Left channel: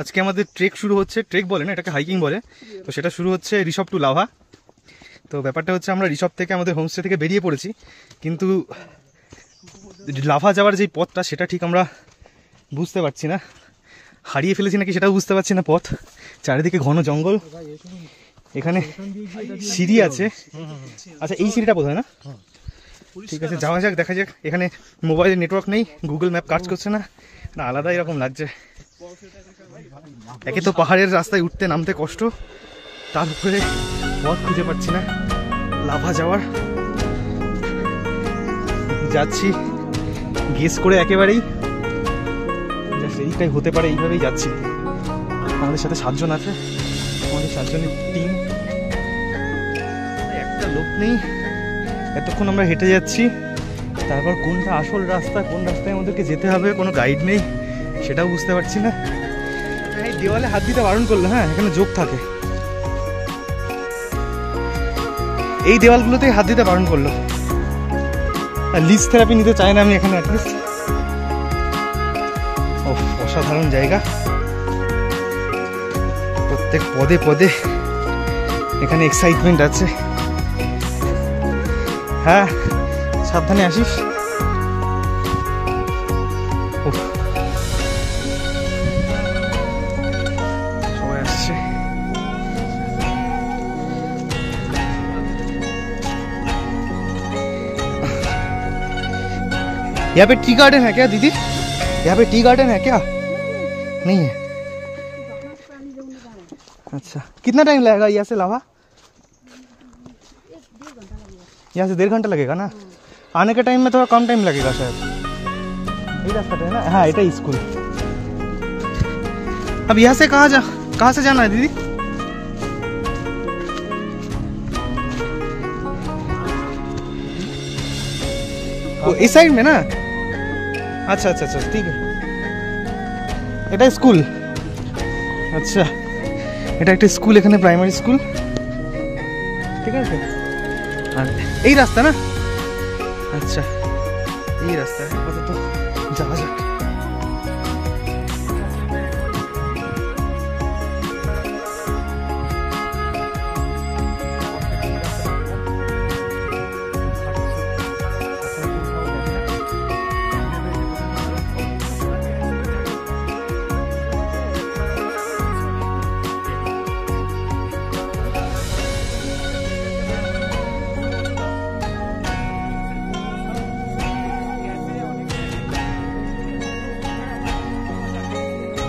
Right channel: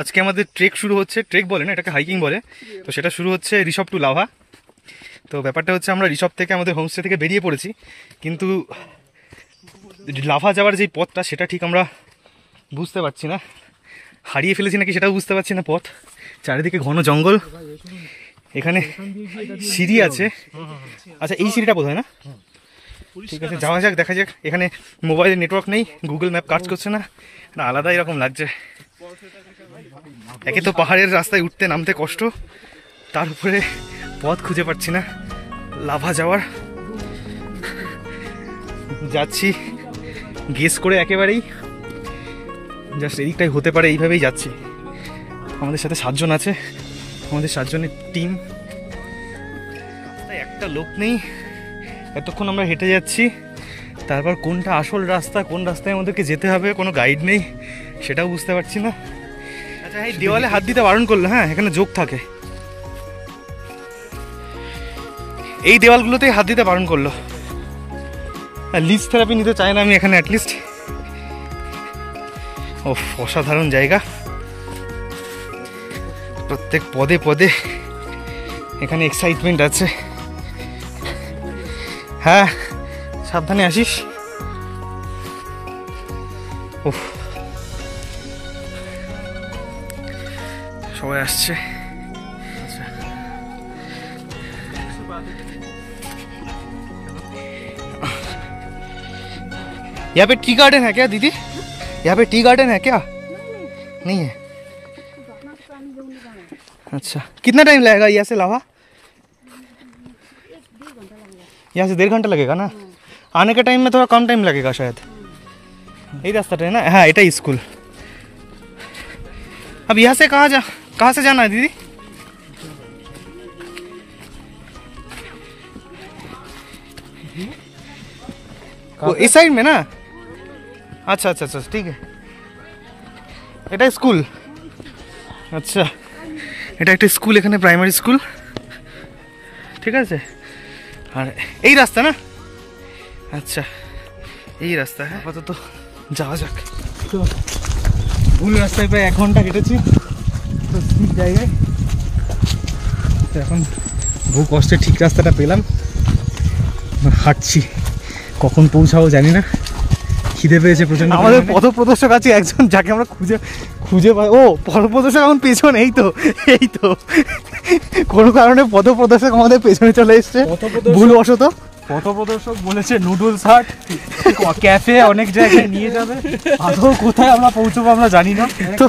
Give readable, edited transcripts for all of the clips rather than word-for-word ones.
আজকে আমাদের ট্রেক শুরু হচ্ছে, ট্রেক বলে না এটাকে, হাইকিং বলে। তো সেটা শুরু হচ্ছে ঋষভ টু লাভা। তো ব্যাপারটা হচ্ছে আমরা ঋষভ থেকে আমাদের হোমস্টে থেকে বেরিয়ে পড়েছি, কিন্তু লাভা যাওয়ার যে পথটা সেটা ঠিক আমরা বুঝতে পারছি না, হারিয়ে ফেলেছি নাকি সেটাও বুঝতে পারছি না পথ। চারিদিকে ঘন জঙ্গল, এখানে সিঁড়ি আছে। আচ্ছা এই সিঁড়িটা বোধ হয় না? ঠিক আছে যাওয়া যাক, দেখা যাক। এখানে মোবাইলের নেটওয়ার্ক নেই, গুগল ম্যাপ কাজ করছে না, আলাদা এরকম লাগছে। একে তো পাহাড়ের রাস্তায় উঠতে নামতে কষ্ট, তার উপরে পথ খুঁজে পাচ্ছি না লাভা যাওয়ার। যাচ্ছি গেস করে একেবারেই, জাস্ট এদিকটাই হতে পারে, এইভাবেই যাচ্ছি। আমাদের সাথে 7 জন আছে, আমাদের 7 জনের টিম, একটা লোক নেই। এতক্ষণ আমরা হেঁটে যাচ্ছি, তারপর কোনটা আসল রাস্তা, কোন রাস্তায় আমাদেরকে যেতে হবে কোনো গাইড নেই, সেটাও বুঝতে পারছি না। আচ্ছা এই দেওয়ালে হাত দিতে বারণ করলো, হ্যাঁ এখানে যোগ থাকে, এই দেওয়ালগুলোতেই হাত দিতে বারণ করলো। লিজ থেরাপি নিতে চাই না আমি এখানে অ্যাটলিস্ট। ও অসাধারণ জায়গা, প্রত্যেক পদে পদে এখানে এক্সাইটমেন্ট আছে। হ্যাঁ সাবধানে আসিস। সবাই আসছে। यहाँ पे टी गार्डन है क्या दीदी? यहाँ पे टी गार्डन है क्या? नहीं है। अच्छा कितना टाइम लगेगा यहाँ से लावा? यहाँ से 1.5 घंटा लगेगा ना। आने के टाइम में थोड़ा कम टाइम लगेगा शायद। यही रास्ता है ना? हाँ ये स्कूल। अब यहाँ से कहाँ से जाना है दीदी? वो इस साइड में ना? अच्छा अच्छा अच्छा ठीक है। এটা স্কুল, আচ্ছা এটা একটা স্কুল, এখানে প্রাইমারি স্কুল, ঠিক আছে। আর এই রাস্তা না? আচ্ছা এই রাস্তা, আপাতত যাওয়া যাক। তো ভুল রাস্তায় প্রায় 1 ঘন্টা কেটেছি জায়গায়, এখন বহু কষ্টে ঠিক রাস্তাটা পেলাম, হাঁটছি। কখন পৌঁছাবো জানি না, খিদে পেয়েছে প্রচন্ড। আমাদের পথপ্রদর্শক আছে একজন, যাকে আমরা খুঁজে পাই। ও পথপ্রদর্শক এখন পেছনে, এই তো কোনো কারণে পথপ্রদর্শক আমাদের পেছনে চলে এসছে ভুলবশত। পথপ্রদর্শক বলেছে নুডলস হাট ক্যাফে অনেক জায়গায় নিয়ে যাবে, আদৌ কোথায় আমরা পৌঁছবো আমরা জানি না, তো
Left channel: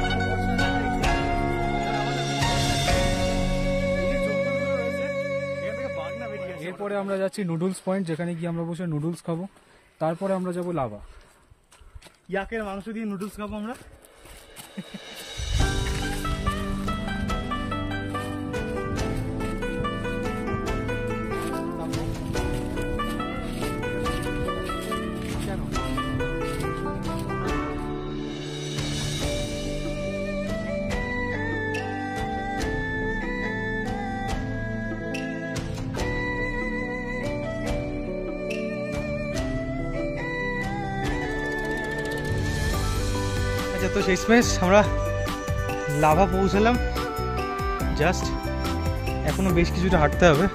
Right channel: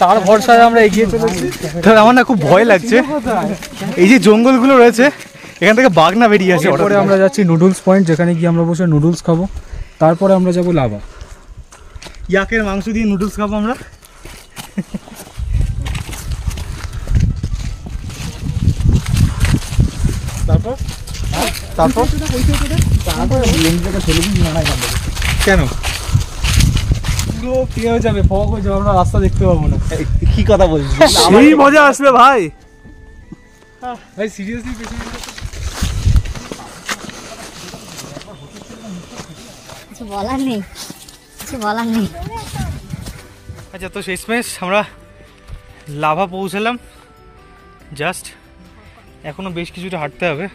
তার ভরসায় আমরা এগিয়ে চলেছি। তাহলে আমার না খুব ভয় লাগছে, এই যে জঙ্গলগুলো রয়েছে এখান থেকে বাঘ না বেরিয়ে আসে। এরপরে আমরা যাচ্ছি নুডলস পয়েন্ট, যেখানে গিয়ে আমরা বসে নুডলস খাবো। তারপরে আমরা যাবো লাভা, ইয়াকের মাংস দিয়ে নুডলস খাবো আমরা। তারপর কেন কি হয়ে যাবে, ফগ হয়ে যাবে, আমরা রাস্তা দেখতে পাবো না। কি কথা বলছিস? সেই মজা আসবে ভাই, ভাই সিরিয়াসলি বলার নেই। আচ্ছা তো শেষমেশ আমরা লাভা পৌঁছালাম, জাস্ট এখনো বেশ কিছুটা হাঁটতে হবে।